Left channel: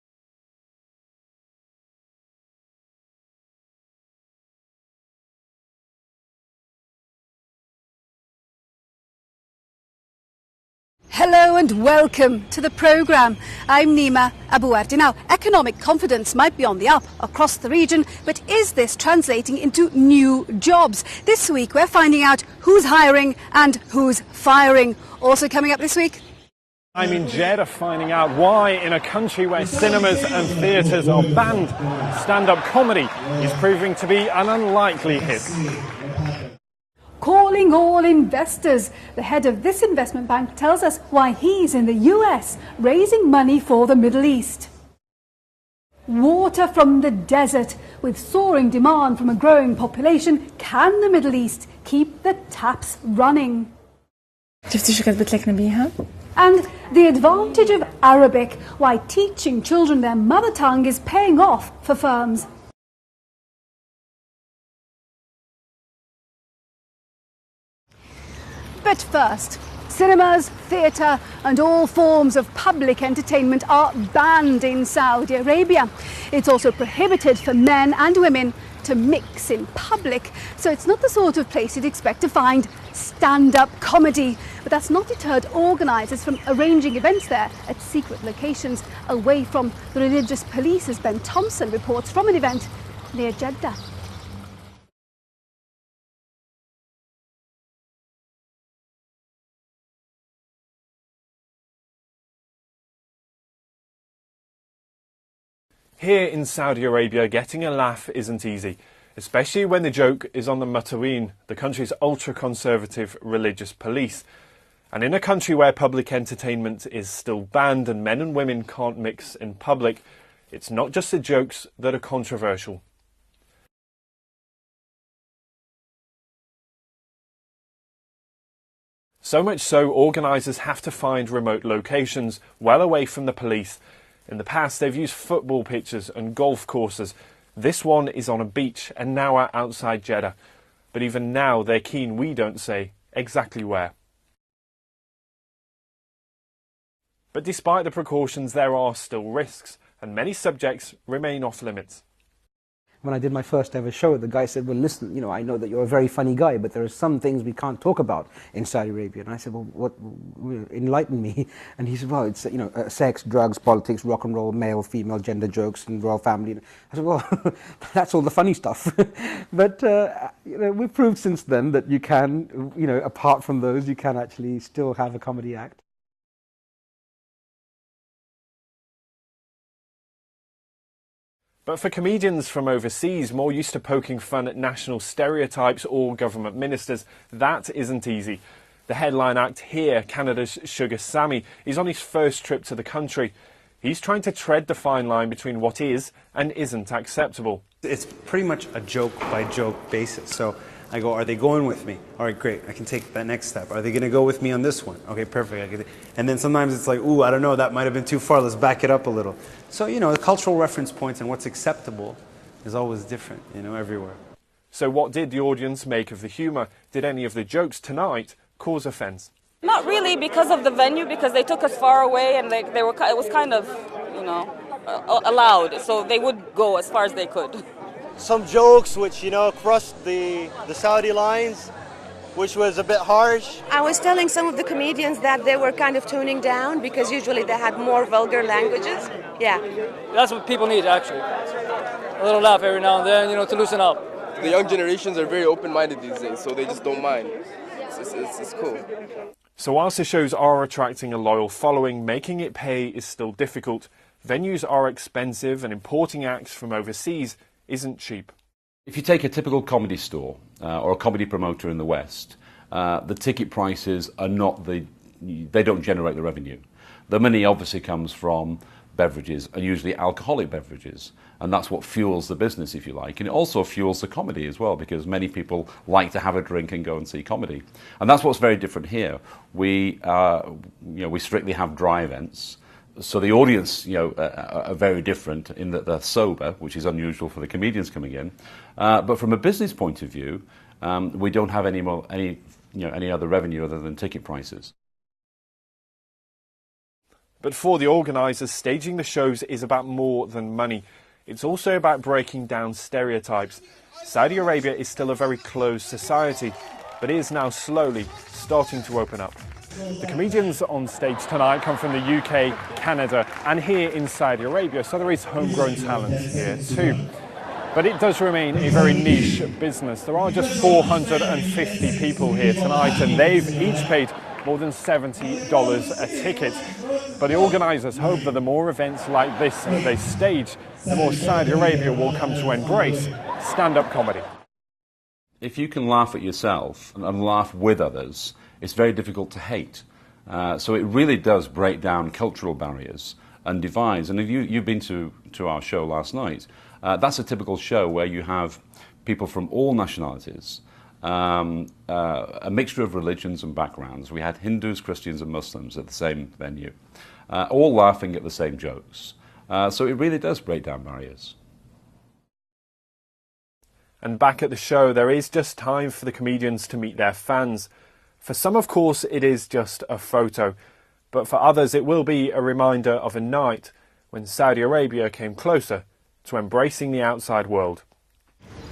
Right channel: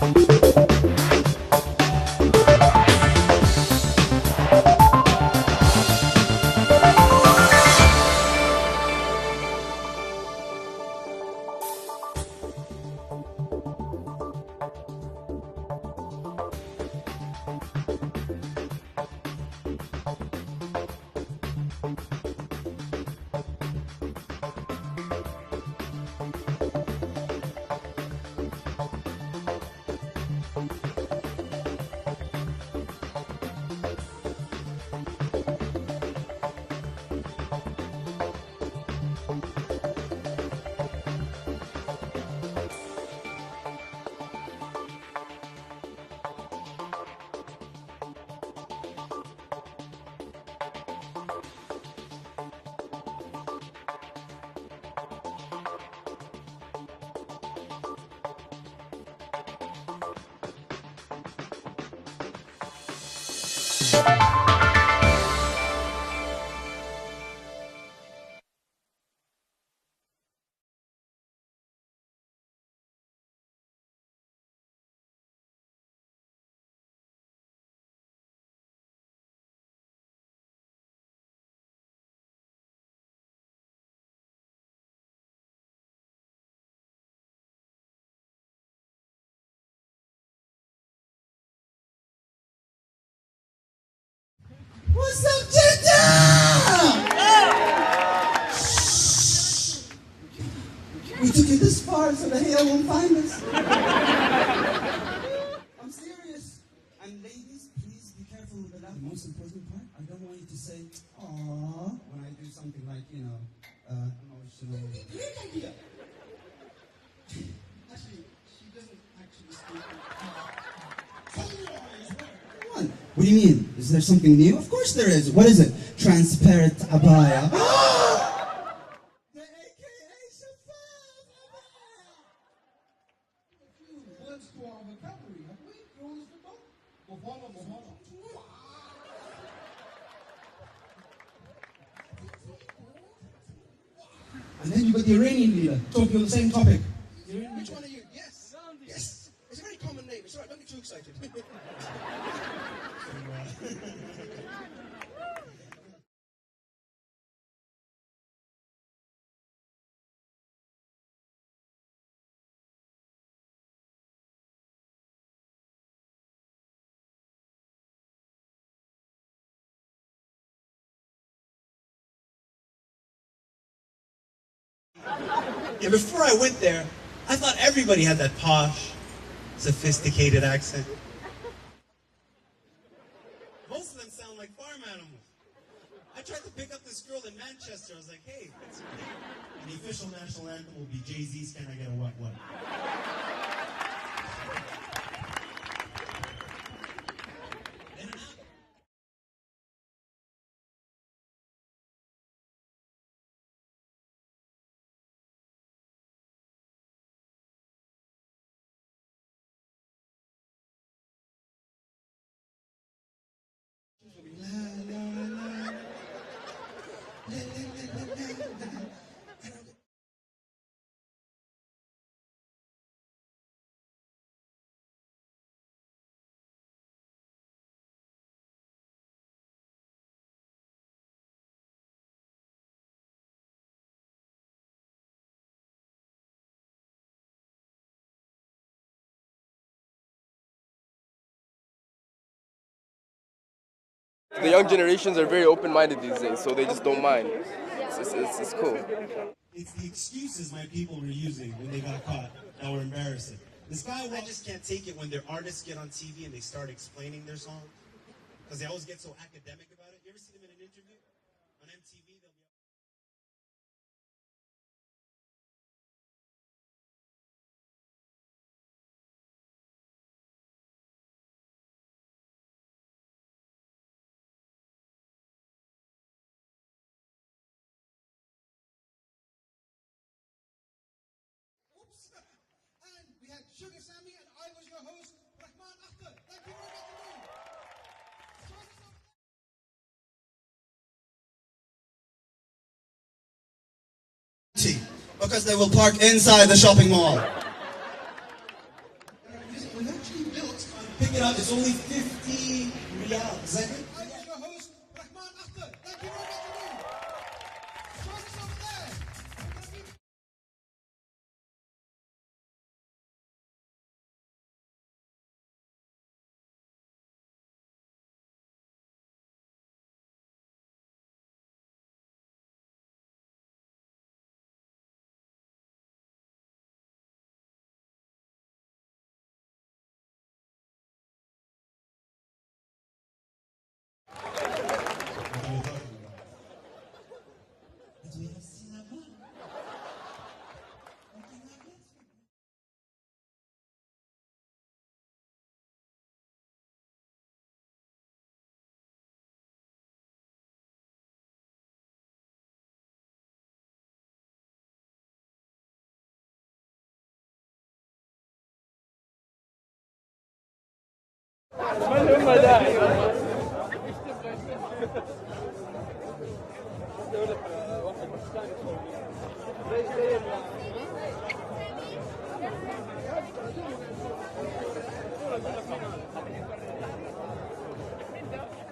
Hello and welcome to the programme. I'm Nima Abuardi. Now, economic confidence might be on the up across the region, but is this translating into new jobs? This week we're finding out who's hiring and who's firing. Also coming up this week, I'm in Jeddah finding out why, in a country where cinemas and theatres are banned, stand-up comedy is proving to be an unlikely hit. calling all investors. The head of this investment bank tells us why he's in the US raising money for the Middle East. Water from the desert. With soaring demand from a growing population, can the Middle East keep the taps running? And the advantage of Arabic, why teaching children their mother tongue is paying off for firms. But first, cinemas, theatre and all forms of public entertainment are banned in Saudi Arabia. It's also prohibited for men and women to mix in public, so it's not the sort of place you'd expect to find stand-up comedy. But that's not deterred organisers from arranging events there at secret locations away from the religious police, as Ben Thompson reports from an event near Jeddah. What's up, Jeddah? We took it this far so the hell won't find us. Here in Saudi Arabia, getting a laugh isn't easy, especially when the joke is on the Mutaween, the country's ultra-conservative religious police. And in a country where public entertainment is still banned and men and women can't mix in public, it's not just the jokes that are controversial. What do you mean? Is there something new? Of course there is. What is it? Transparent abaya. So much so, organisers have to find remote locations well away from the police. In the past, they've used football pitches and golf courses. This one is on a beach and now are outside Jeddah. But even now, they're keen we don't say exactly where. And then you've got the Iranian leader talking on the same topic. But despite the precautions, there are still risks, and many subjects remain off limits. When I did my first ever show, the guy said, well, listen, you know, I know that you're a very funny guy, but there are some things we can't talk about in Saudi Arabia. And I said, well, what, enlighten me. And he said, well, it's, you know, sex, drugs, politics, rock and roll, male, female, gender jokes, and royal family. I said, well, that's all the funny stuff. But, you know, we've proved since then that you can, you know, apart from those, you can actually still have a comedy act. Yeah, before I went there, I thought everybody had that posh, sophisticated accent. But for comedians from overseas, more used to poking fun at national stereotypes or government ministers, that isn't easy. The headline act here, Canada's Sugar Sammy, is on his first trip to the country. He's trying to tread the fine line between what is and isn't acceptable. It's pretty much a joke-by-joke basis. So I go, are they going with me? All right, great, I can take that next step. Are they going to go with me on this one? Okay, perfect. And then sometimes it's like, ooh, I don't know, that might have been too far, let's back it up a little. So, you know, the cultural reference points and what's acceptable is always different, you know, everywhere. So what did the audience make of the humour? Did any of the jokes tonight cause offence? Not really, because of the venue, because they took us far away and it was kind of, you know, allowed, so they would go as far as they could. Some jokes which, you know, crossed the Saudi lines, which was a bit harsh. I was telling some of the comedians that they were kind of tuning down because usually they had more vulgar languages. Yeah. That's what people need, actually. A little laugh every now and then, you know, to loosen up. The young generations are very open-minded these days, so they just don't mind. It's cool. So whilst the shows are attracting a loyal following, making it pay is still difficult. Venues are expensive and importing acts from overseas isn't cheap. If you take a typical comedy store or a comedy promoter in the West, the ticket prices are not they don't generate the revenue. The money obviously comes from beverages, and usually alcoholic beverages, and that's what fuels the business, if you like. And it also fuels the comedy as well, because many people like to have a drink and go and see comedy. And that's what's very different here. We strictly have dry events, so the audience, you know, are very different in that they're sober, which is unusual for the comedians coming in. But from a business point of view, we don't have any other revenue other than ticket prices. because they will park inside the shopping mall. But for the organisers, staging the shows is about more than money. It's also about breaking down stereotypes. Saudi Arabia is still a very closed society, but it is now slowly starting to open up. The comedians on stage tonight come from the UK, Canada and here in Saudi Arabia, so there is homegrown talent here too. But it does remain a very niche business. There are just 450 people here tonight and they've each paid more than $70 a ticket. But the organisers hope that the more events like this that they stage, the more Saudi Arabia will come to embrace stand-up comedy. If you can laugh at yourself and laugh with others, it's very difficult to hate. So it really does break down cultural barriers and divides. And if you've been to our show last night, that's a typical show where you have people from all nationalities, a mixture of religions and backgrounds. We had Hindus, Christians and Muslims at the same venue, all laughing at the same jokes. So it really does break down barriers. And back at the show, there is just time for the comedians to meet their fans. For some, of course, it is just a photo. But for others, it will be a reminder of a night when Saudi Arabia came closer to embracing the outside world.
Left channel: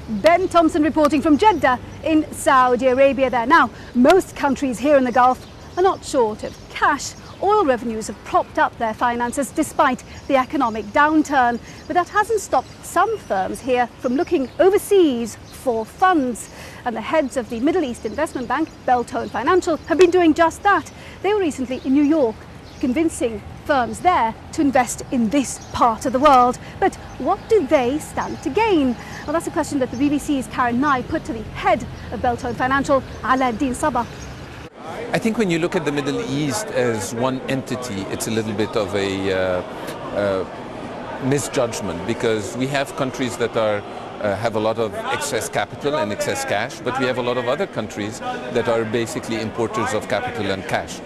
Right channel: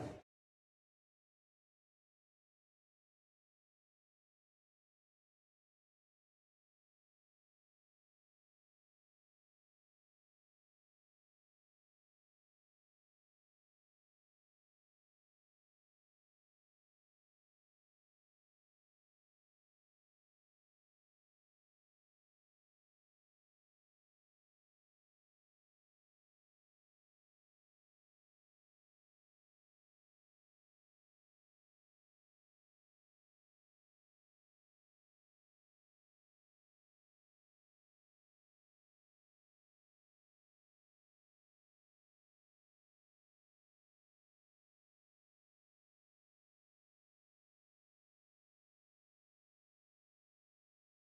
Ben Thompson reporting from Jeddah in Saudi Arabia there. Now, most countries here in the Gulf are not short of cash. Oil revenues have propped up their finances despite the economic downturn. But that hasn't stopped some firms here from looking overseas for funds. And the heads of the Middle East investment bank, Beltone Financial, have been doing just that. They were recently in New York, convincing firms there to invest in this part of the world. But what do they stand to gain? Well, that's a question that the BBC's Karen Nye put to the head of Beltone Financial, Alaaddin Sabah. I think when you look at the Middle East as one entity, it's a little bit of a misjudgment, because we have countries that have a lot of excess capital and excess cash, but we have a lot of other countries that are basically importers of capital and cash.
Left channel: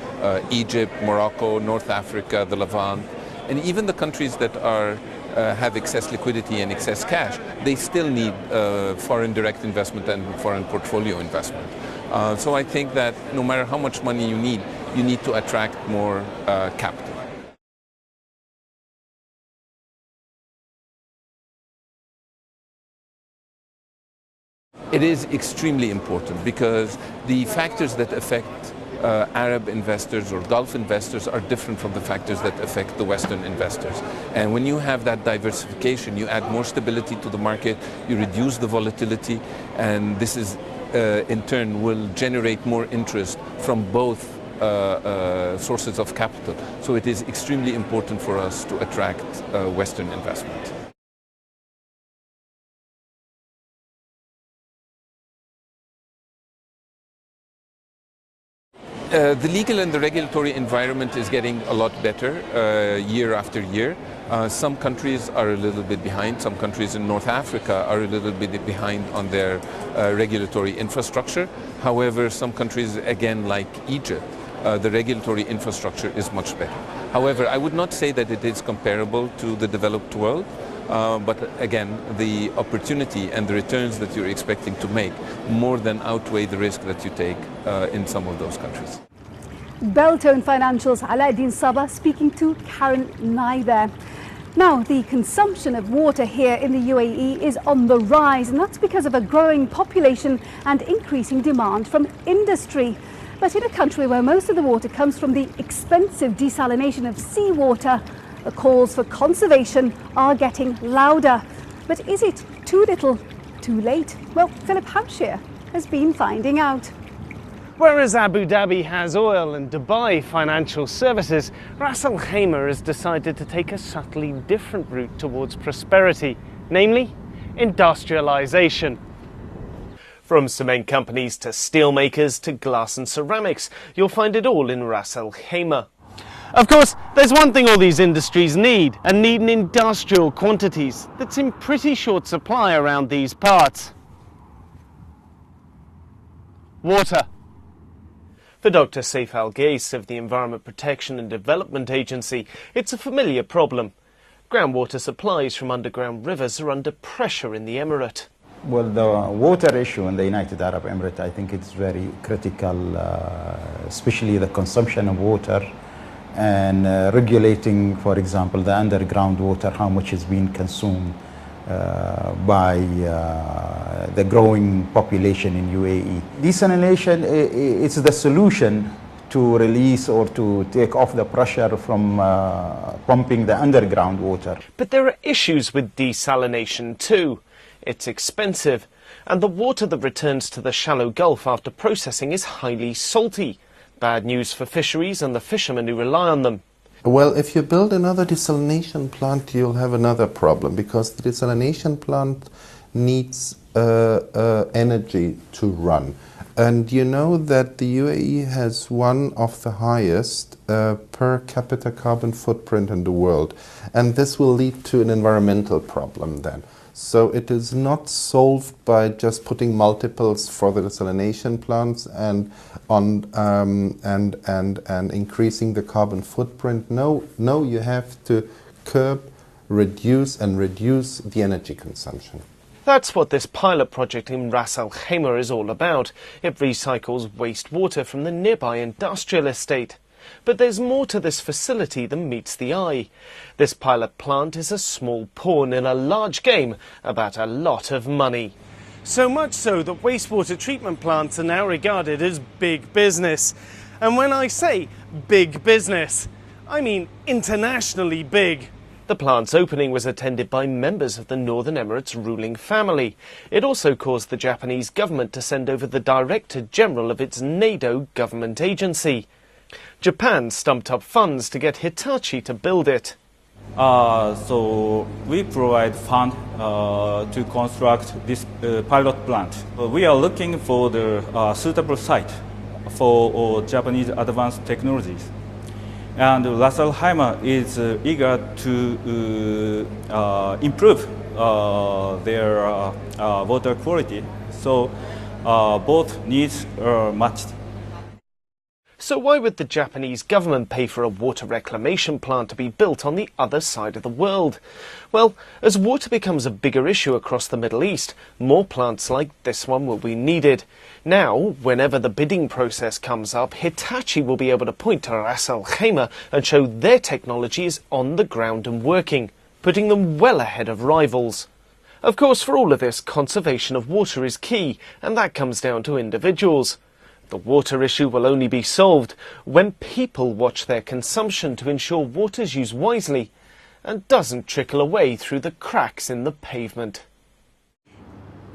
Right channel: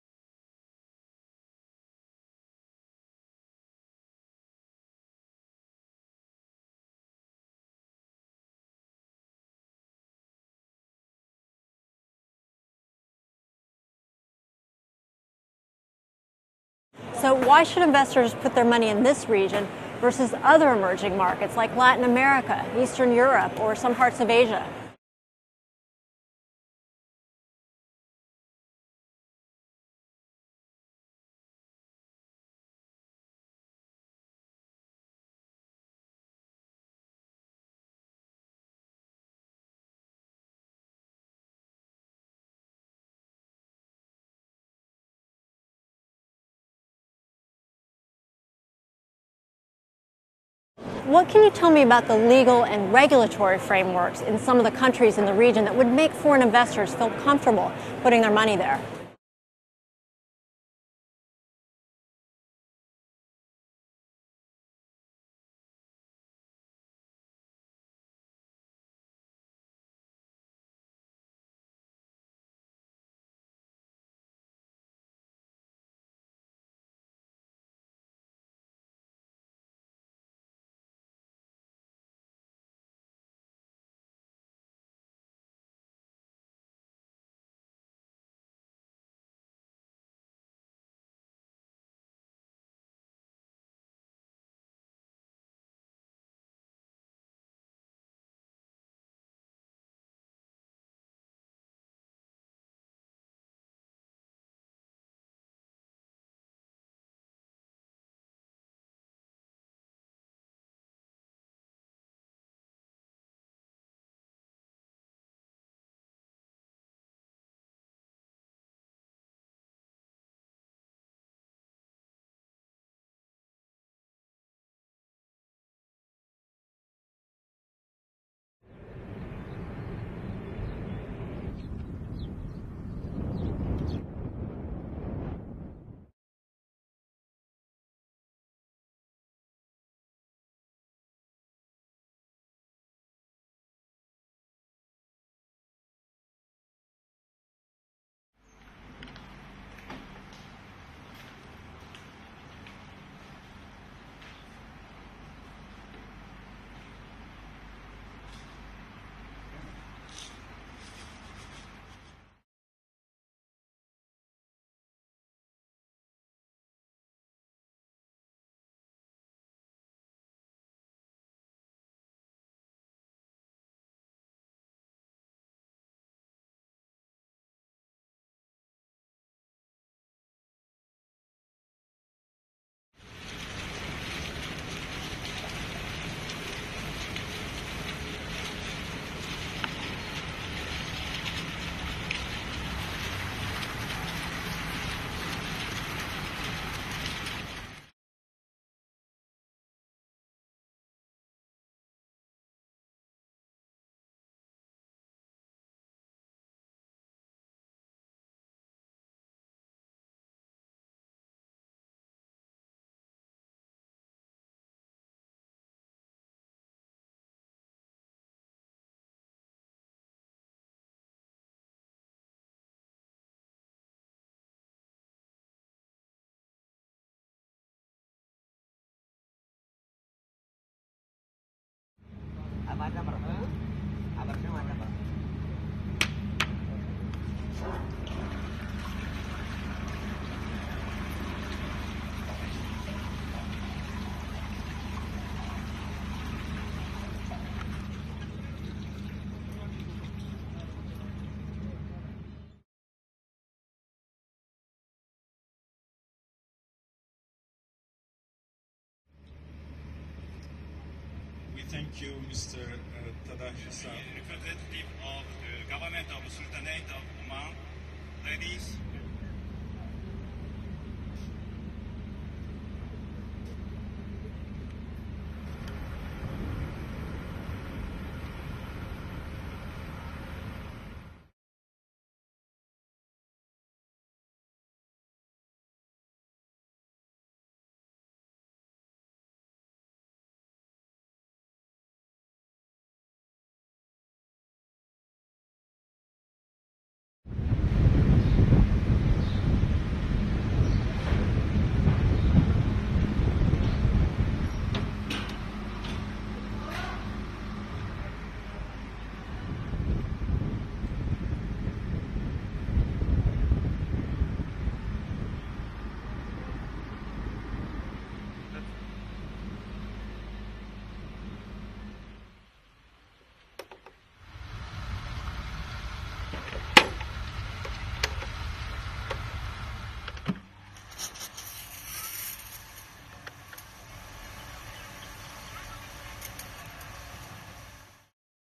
Egypt, Morocco, North Africa, the Levant, and even the countries that have excess liquidity and excess cash, they still need foreign direct investment and foreign portfolio investment. So I think that no matter how much money you need to attract more capital. So why should investors put their money in this region versus other emerging markets like Latin America, Eastern Europe, or some parts of Asia? It is extremely important because the factors that affect Arab investors or Gulf investors are different from the factors that affect the Western investors. And when you have that diversification, you add more stability to the market, you reduce the volatility, and this is in turn will generate more interest from both sources of capital. So it is extremely important for us to attract Western investment. What can you tell me about the legal and regulatory frameworks in some of the countries in the region that would make foreign investors feel comfortable putting their money there? The legal and the regulatory environment is getting a lot better year after year. Some countries are a little bit behind. Some countries in North Africa are a little bit behind on their regulatory infrastructure. However, some countries, again, like Egypt, the regulatory infrastructure is much better. However, I would not say that it is comparable to the developed world. But again, the opportunity and the returns that you're expecting to make more than outweigh the risk that you take in some of those countries. Beltone Financial's Alaaddin Sabah speaking to Karen Nye there. Now, the consumption of water here in the UAE is on the rise, and that's because of a growing population and increasing demand from industry. But in a country where most of the water comes from the expensive desalination of seawater, the calls for conservation are getting louder. But is it too little, too late? Well, Philip Hampshire has been finding out. Whereas Abu Dhabi has oil and Dubai financial services, Ras Al Khaimah has decided to take a subtly different route towards prosperity, namely industrialization. From cement companies to steel makers to glass and ceramics, you'll find it all in Ras Al Khaimah. Of course, there's one thing all these industries need, and need in industrial quantities, that's in pretty short supply around these parts. Water. For Dr. Saif Al-Ghais of the Environment Protection and Development Agency, it's a familiar problem. Groundwater supplies from underground rivers are under pressure in the Emirate. Well, the water issue in the United Arab Emirates, I think it's very critical, especially the consumption of water and regulating, for example, the underground water, how much is being consumed by the growing population in UAE. Desalination is the solution to release or to take off the pressure from pumping the underground water. But there are issues with desalination too. It's expensive, and the water that returns to the shallow Gulf after processing is highly salty. Bad news for fisheries and the fishermen who rely on them. Well, if you build another desalination plant, you'll have another problem, because the desalination plant needs energy to run. And you know that the UAE has one of the highest per capita carbon footprint in the world. And this will lead to an environmental problem then. So it is not solved by just putting multiples for the desalination plants and increasing the carbon footprint. No, you have to curb, reduce the energy consumption. That's what this pilot project in Ras Al Khaimah is all about. It recycles wastewater from the nearby industrial estate. But there's more to this facility than meets the eye. This pilot plant is a small pawn in a large game about a lot of money. So much so that wastewater treatment plants are now regarded as big business. And when I say big business, I mean internationally big. The plant's opening was attended by members of the Northern Emirates ruling family. It also caused the Japanese government to send over the Director General of its NADO government agency. Japan stumped up funds to get Hitachi to build it. So we provide fund to construct this pilot plant. We are looking for the suitable site for Japanese advanced technologies. And Ras Al Khaimah is eager to improve their water quality. So both needs are matched. So why would the Japanese government pay for a water reclamation plant to be built on the other side of the world? Well, as water becomes a bigger issue across the Middle East, more plants like this one will be needed. Now, whenever the bidding process comes up, Hitachi will be able to point to Ras Al Khaimah and show their technology is on the ground and working, putting them well ahead of rivals. Of course, for all of this, conservation of water is key, and that comes down to individuals. The water issue will only be solved when people watch their consumption to ensure water's used wisely and doesn't trickle away through the cracks in the pavement.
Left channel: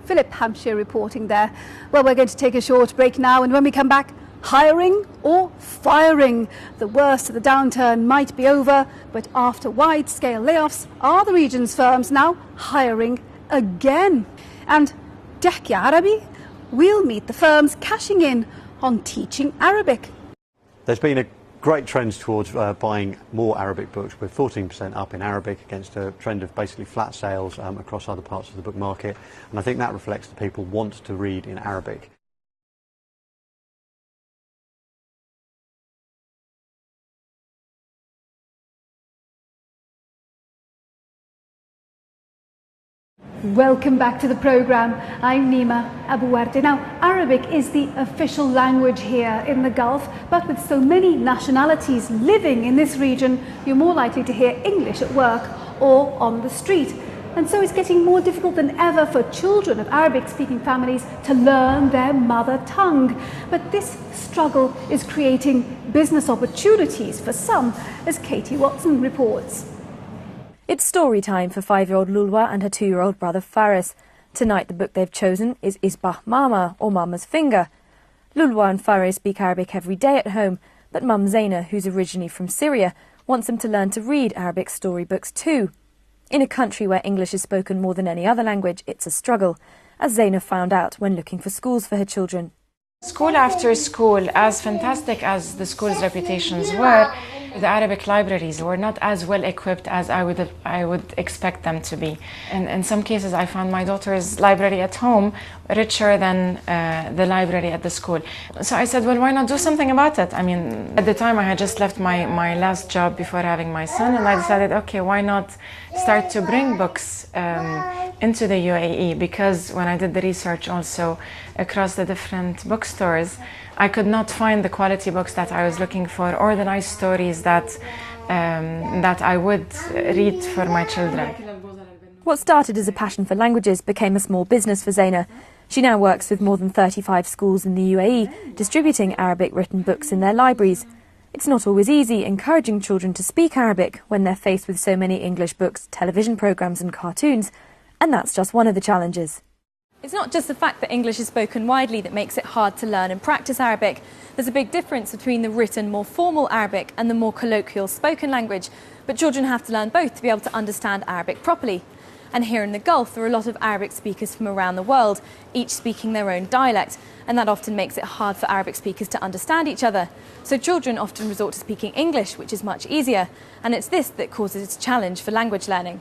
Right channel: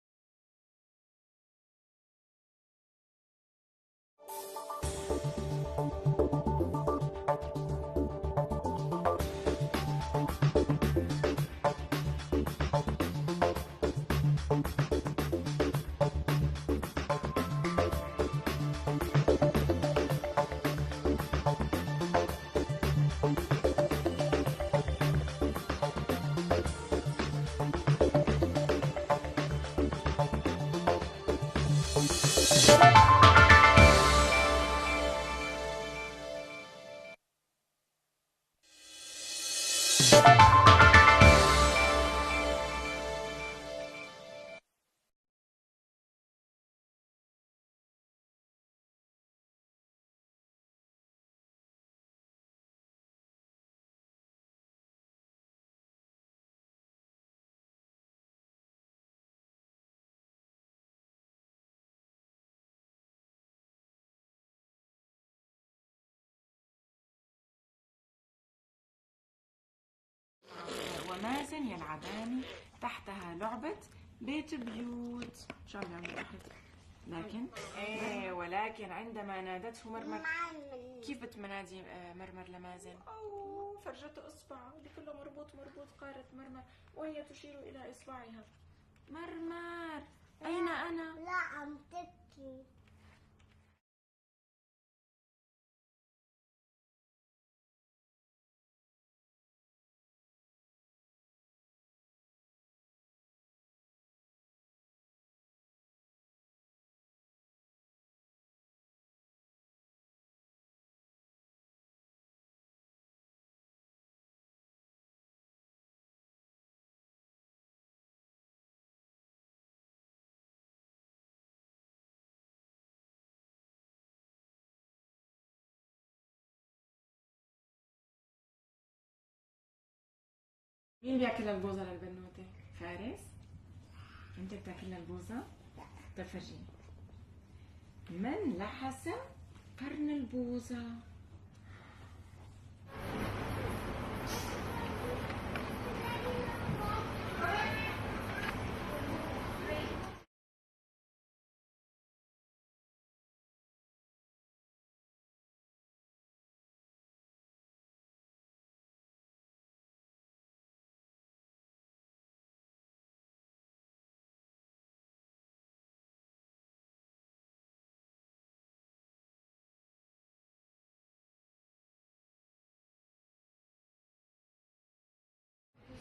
Philip Hampshire reporting there. Well, we're going to take a short break now, and when we come back, hiring or firing? The worst of the downturn might be over, but after wide-scale layoffs, are the region's firms now hiring again? And Dehkia Arabi? We'll meet the firms cashing in on teaching Arabic. There's been a great trend towards buying more Arabic books, with 14% up in Arabic against a trend of basically flat sales across other parts of the book market. And I think that reflects that people want to read in Arabic. Welcome back to the programme. I'm Nima Abu Wardi. Now, Arabic is the official language here in the Gulf, but with so many nationalities living in this region, you're more likely to hear English at work or on the street. And so it's getting more difficult than ever for children of Arabic-speaking families to learn their mother tongue. But this struggle is creating business opportunities for some, as Katie Watson reports. It's story time for 5-year-old Lulwa and her 2-year-old brother Faris. Tonight the book they've chosen is Isbah Mama, or Mama's Finger. Lulwa and Faris speak Arabic every day at home, but Mum Zaina, who's originally from Syria, wants them to learn to read Arabic storybooks too. In a country where English is spoken more than any other language, it's a struggle, as Zaina found out when looking for schools for her children. School after school, as fantastic as the school's reputations were, The Arabic libraries were not as well equipped as I would expect them to be. And in some cases, I found my daughter's library at home richer than the library at the school. So I said, well, why not do something about it? I mean, at the time, I had just left my last job before having my son, and I decided, okay, why not start to bring books into the UAE? Because when I did the research also across the different bookstores, I could not find the quality books that I was looking for, or the nice stories that I would read for my children. What started as a passion for languages became a small business for Zeina. She now works with more than 35 schools in the UAE, distributing Arabic written books in their libraries. It's not always easy encouraging children to speak Arabic when they're faced with so many English books, television programmes and cartoons, and that's just one of the challenges. It's not just the fact that English is spoken widely that makes it hard to learn and practice Arabic. There's a big difference between the written, more formal Arabic and the more colloquial spoken language. But children have to learn both to be able to understand Arabic properly. And here in the Gulf, there are a lot of Arabic speakers from around the world, each speaking their own dialect. And that often makes it hard for Arabic speakers to understand each other. So children often resort to speaking English, which is much easier. And it's this that causes a challenge for language learning.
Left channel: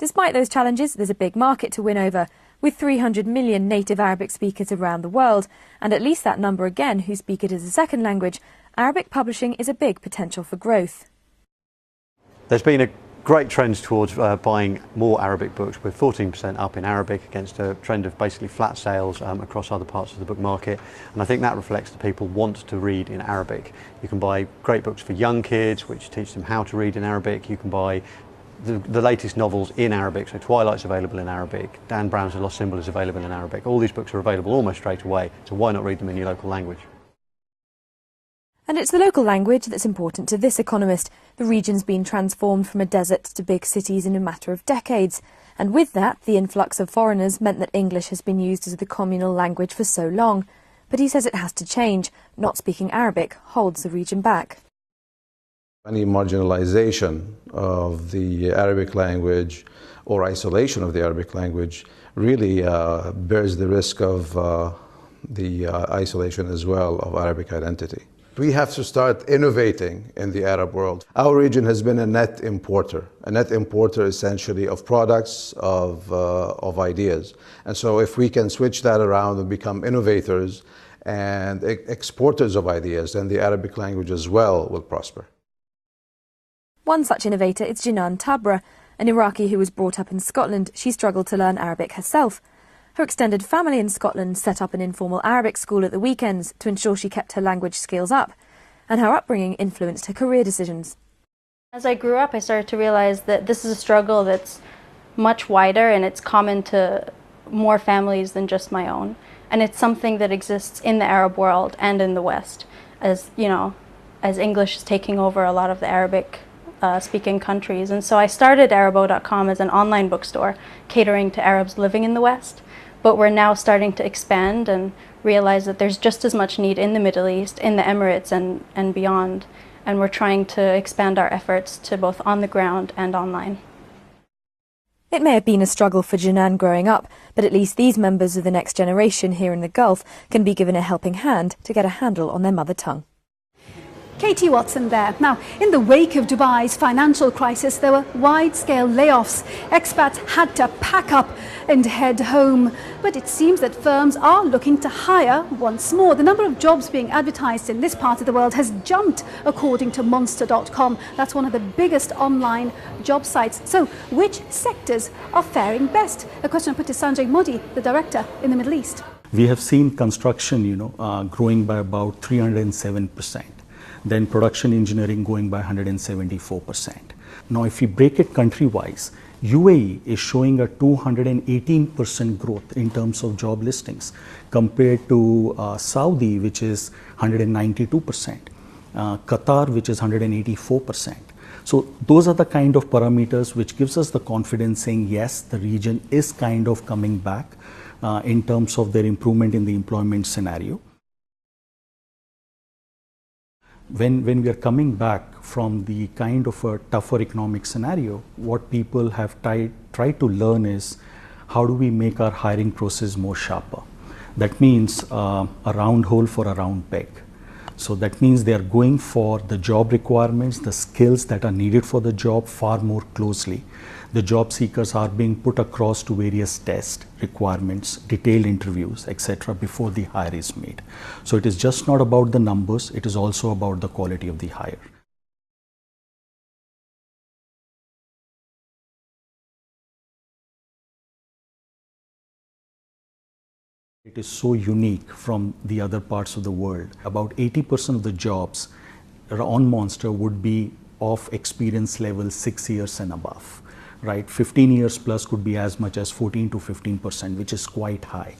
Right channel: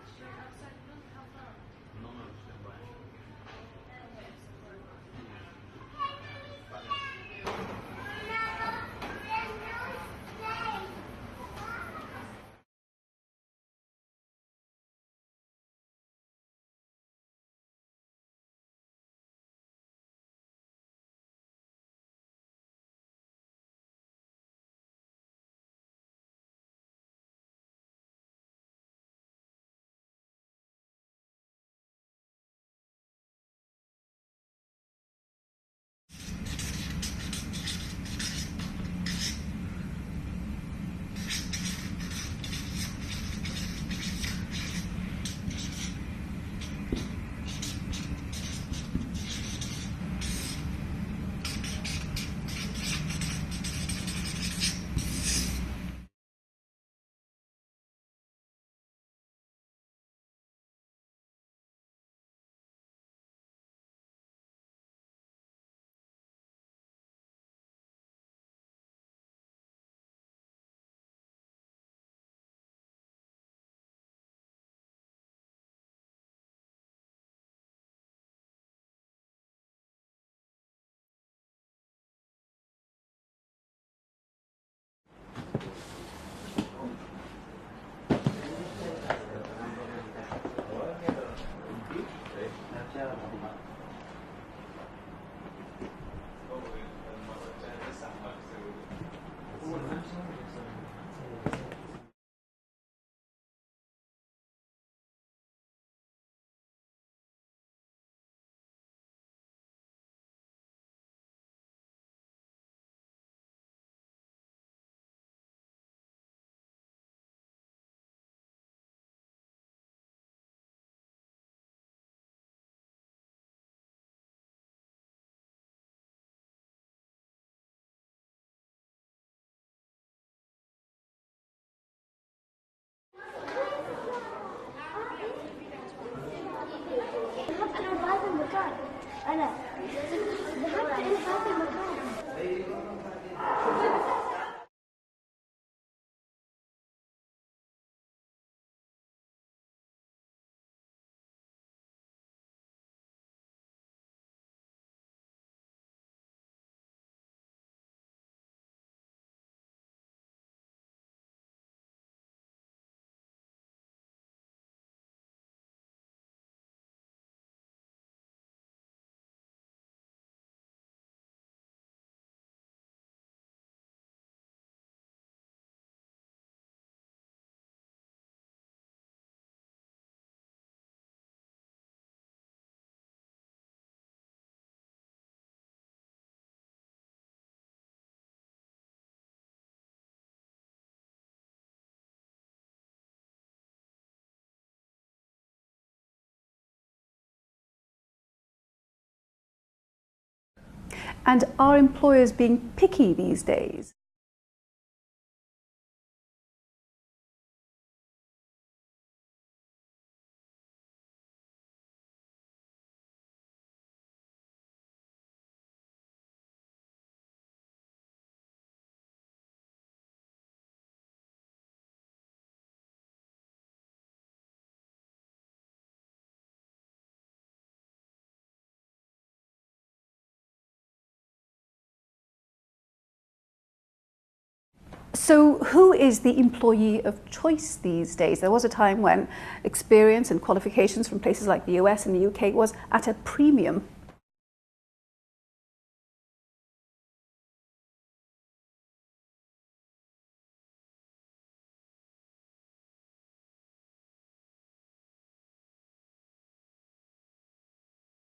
Despite those challenges, there's a big market to win over. With 300 million native Arabic speakers around the world, and at least that number again who speak it as a second language, Arabic publishing is a big potential for growth. There's been a great trend towards buying more Arabic books, with 14% up in Arabic against a trend of basically flat sales across other parts of the book market. And I think that reflects that people want to read in Arabic. You can buy great books for young kids, which teach them how to read in Arabic. You can buy the latest novels in Arabic, so Twilight's available in Arabic, Dan Brown's The Lost Symbol is available in Arabic. All these books are available almost straight away, so why not read them in your local language? And it's the local language that's important to this economist. The region's been transformed from a desert to big cities in a matter of decades. And with that, the influx of foreigners meant that English has been used as the communal language for so long. But he says it has to change. Not speaking Arabic holds the region back. Any marginalization of the Arabic language or isolation of the Arabic language really bears the risk of the isolation as well of Arabic identity. We have to start innovating in the Arab world. Our region has been a net importer essentially of products, of ideas. And so if we can switch that around and become innovators and exporters of ideas, then the Arabic language as well will prosper. One such innovator is Jinan Tabra, an Iraqi who was brought up in Scotland. She struggled to learn Arabic herself. Her extended family in Scotland set up an informal Arabic school at the weekends to ensure she kept her language skills up. And her upbringing influenced her career decisions. As I grew up, I started to realize that this is a struggle that's much wider and it's common to more families than just my own. And it's something that exists in the Arab world and in the West, as you know, as English is taking over a lot of the Arabic speaking countries. And so I started Arabo.com as an online bookstore catering to Arabs living in the West, but we're now starting to expand and realize that there's just as much need in the Middle East, in the Emirates and beyond, and we're trying to expand our efforts to both on the ground and online. It may have been a struggle for Jinan growing up, but at least these members of the next generation here in the Gulf can be given a helping hand to get a handle on their mother tongue. Katie Watson there. Now, in the wake of Dubai's financial crisis, there were wide-scale layoffs. Expats had to pack up and head home. But it seems that firms are looking to hire once more. The number of jobs being advertised in this part of the world has jumped, according to Monster.com. That's one of the biggest online job sites. So, which sectors are faring best? A question I put to Sanjay Modi, the director in the Middle East. We have seen construction, growing by about 307%. Then production engineering going by 174%. Now, if we break it country-wise, UAE is showing a 218% growth in terms of job listings compared to Saudi, which is 192%, Qatar, which is 184%. So those are the kind of parameters which gives us the confidence saying, yes, the region is kind of coming back in terms of their improvement in the employment scenario. And are employers being picky these days? When we are coming back from the kind of a tougher economic scenario, what people have tried to learn is how do we make our hiring process more sharper. That means a round hole for a round peg. So that means they are going for the job requirements, the skills that are needed for the job far more closely. The job seekers are being put across to various tests, requirements, detailed interviews, etc. before the hire is made. So it is just not about the numbers, it is also about the quality of the hire. So who is the employee of choice these days? There was a time when experience and qualifications from places like the US and the UK was at a premium. It is so unique from the other parts of the world. About 80% of the jobs on Monster would be of experience level 6 years and above. Right, 15 years plus could be as much as 14 to 15%, which is quite high.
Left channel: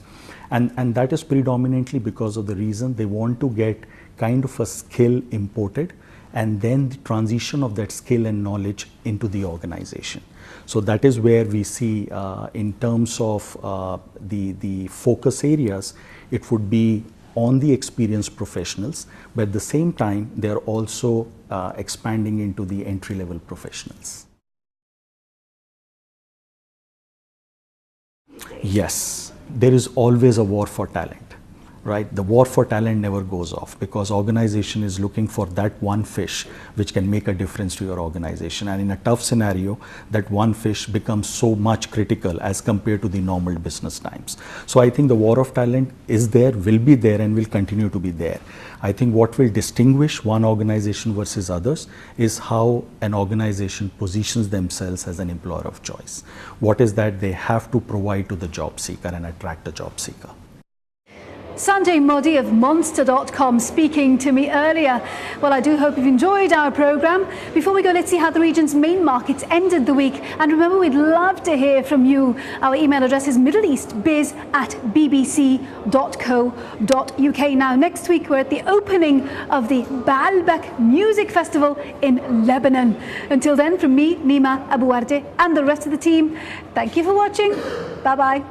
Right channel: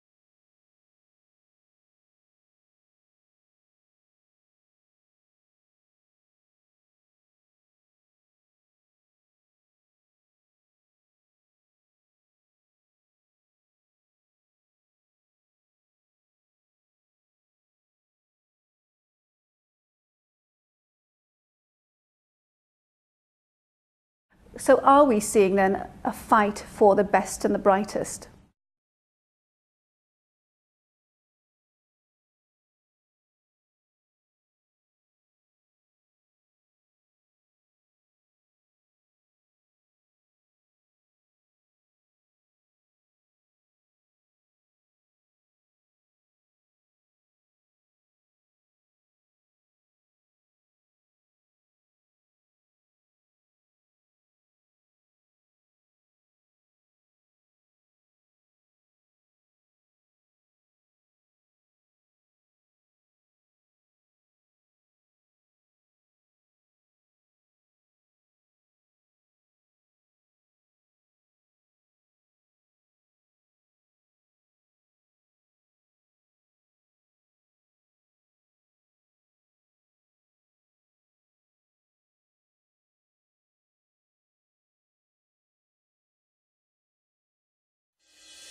And that is predominantly because of the reason they want to get kind of a skill imported and then the transition of that skill and knowledge into the organization. So that is where we see in terms of the focus areas, it would be on the experienced professionals, but at the same time, they're also expanding into the entry-level professionals. So are we seeing then a fight for the best and the brightest? Yes, there is always a war for talent, right? The war for talent never goes off because organization is looking for that one fish which can make a difference to your organization. And in a tough scenario, that one fish becomes so much critical as compared to the normal business times. So I think the war of talent is there, will be there, and will continue to be there. I think what will distinguish one organization versus others is how an organization positions themselves as an employer of choice. What is that they have to provide to the job seeker and attract the job seeker. Sanjay Modi of Monster.com speaking to me earlier. Well, I do hope you've enjoyed our programme. Before we go, let's see how the region's main markets ended the week. And remember, we'd love to hear from you. Our email address is middleeastbiz@bbc.co.uk. Now, next week, we're at the opening of the Baalbek Music Festival in Lebanon. Until then, from me, Nima Abuwarde, and the rest of the team, thank you for watching. Bye-bye.